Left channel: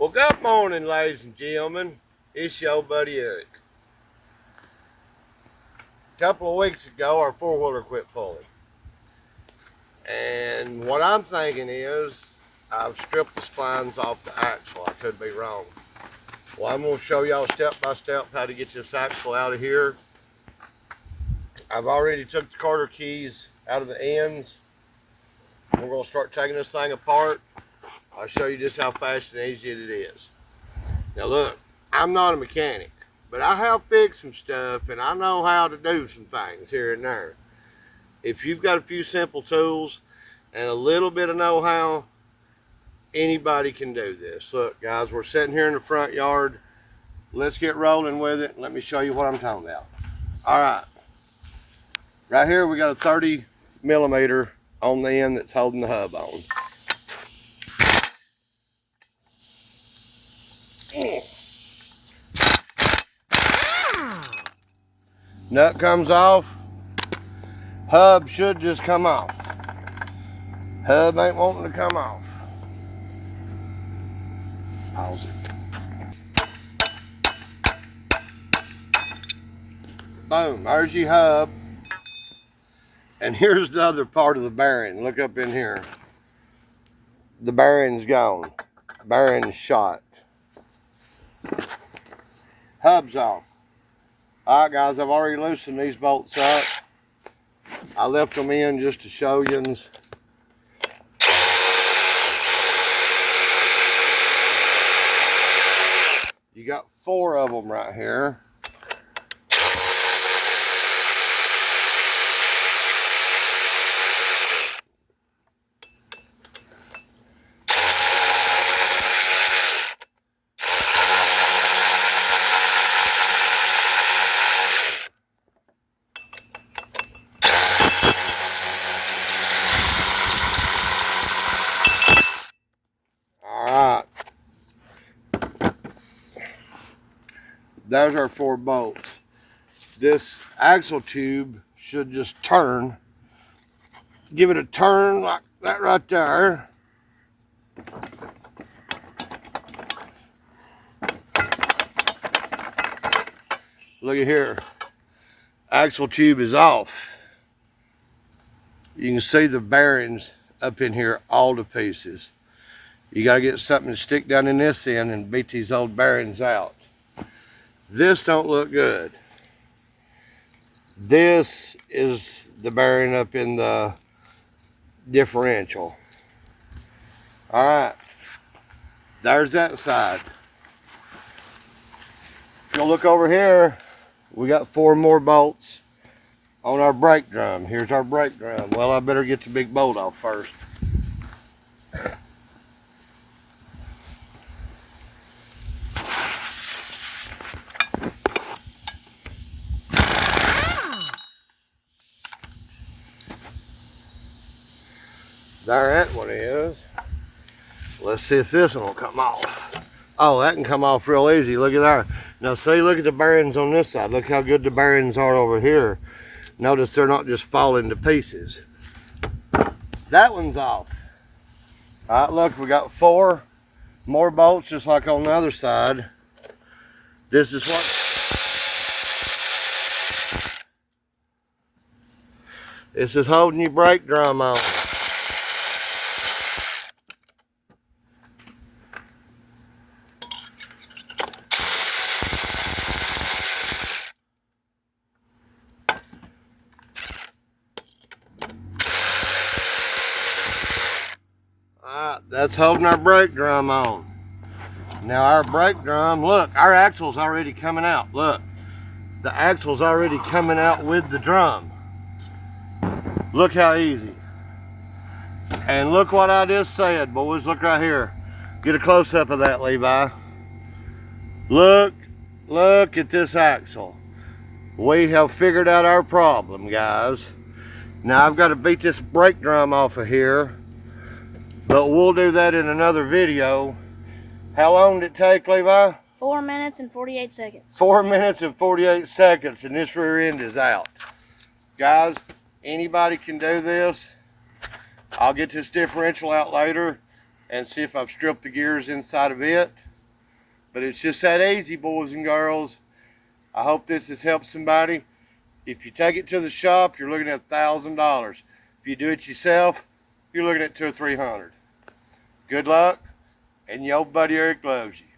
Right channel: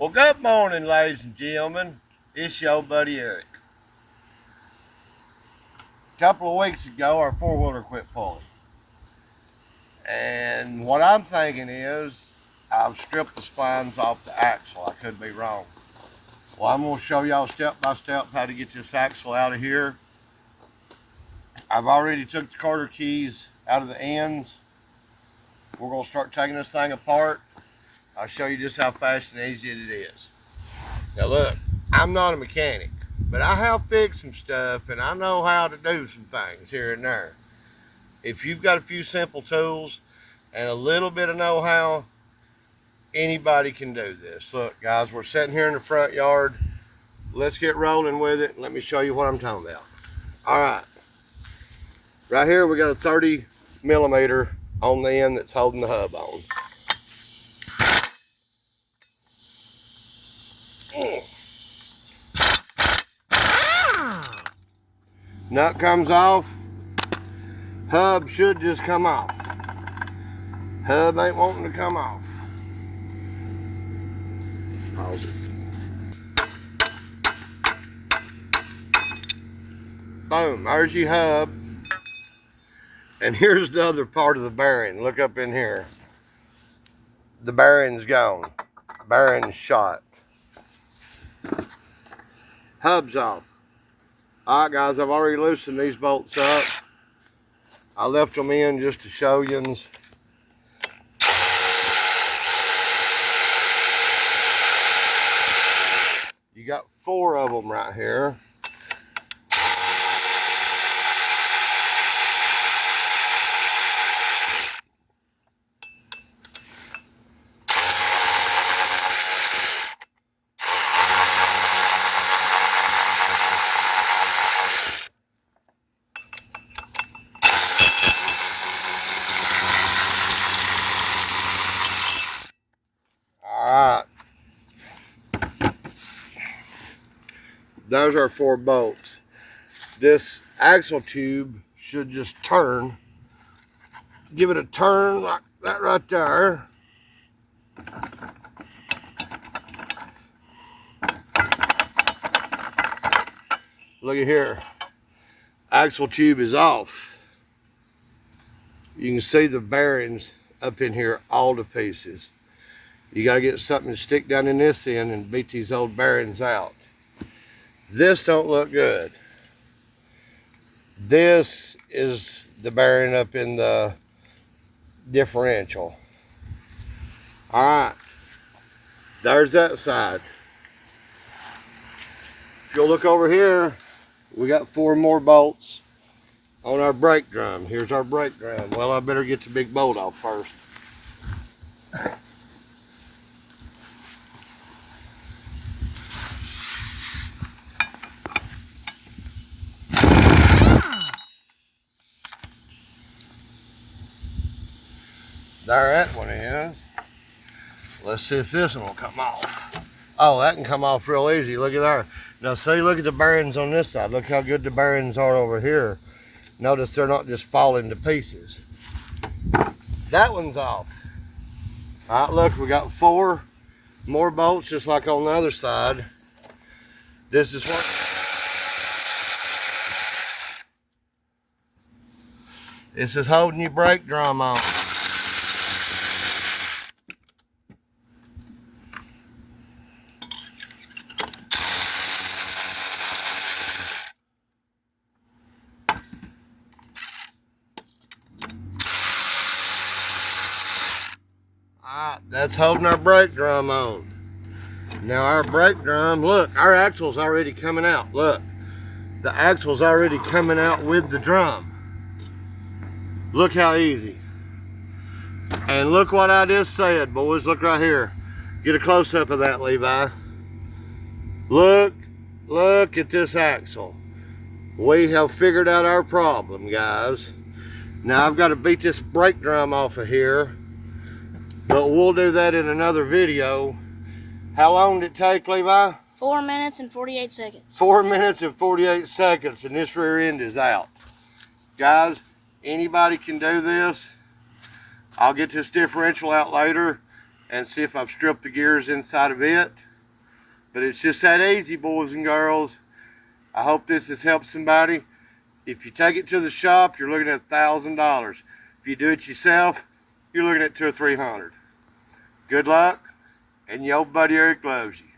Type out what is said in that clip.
Well, good morning, ladies and gentlemen. It's your buddy Eric. A couple of weeks ago, our four-wheeler quit pulling. And what I'm thinking is, I've stripped the splines off the axle. I could be wrong. Well, I'm going to show y'all step by step how to get this axle out of here. I've already took the Carter keys out of the ends. We're going to start taking this thing apart. I'll show you just how fast and easy it is. Now look, I'm not a mechanic, but I have fixed some stuff and I know how to do some things here and there. If you've got a few simple tools and a little bit of know-how, anybody can do this. Look guys, we're sitting here in the front yard. Let's get rolling with it. Let me show you what I'm talking about. All right, right here we got a 30 millimeter on the end that's holding the hub on. Nut comes off, hub should just come off. Hub ain't wanting to come off. Boom, there's your hub. And here's the other part of the bearing. Look up in here. The bearing's gone. Bearing's shot. Hub's off. All right, guys, I've already loosened these bolts up. I left them in just to show you. You got 4 of them right here. Those are 4 bolts. This axle tube should just turn. Give it a turn like that right there. Look at here. Axle tube is off. You can see the bearings up in here all to pieces. You gotta get something to stick down in this end and beat these old bearings out. This don't look good. This is the bearing up in the differential. All right, there's that side. If you'll look over here, we got 4 more bolts on our brake drum. Here's our brake drum. Well, I better get the big bolt off first. There that one is. Let's see if this one will come off. Oh, that can come off real easy. Look at that. Now see, look at the bearings on this side. Look how good the bearings are over here. Notice they're not just falling to pieces. That one's off. All right, look, we got 4 more bolts just like on the other side. This is what... This is holding your brake drum on. That's holding our brake drum on. Now our brake drum, look, our axle's already coming out. Look, the axle's already coming out with the drum. Look how easy. And look what I just said, boys. Look right here. Get a close-up of that, Levi. Look at this axle. We have figured out our problem, guys. Now I've got to beat this brake drum off of here, but we'll do that in another video. How long did it take, Levi? 4 minutes and 48 seconds. 4 minutes and 48 seconds, and this rear end is out. Guys, anybody can do this. I'll get this differential out later and see if I've stripped the gears inside of it. But it's just that easy, boys and girls. I hope this has helped somebody. If you take it to the shop, you're looking at $1,000. If you do it yourself, you're looking at $200 or $300. Good luck, and your buddy Eric loves you.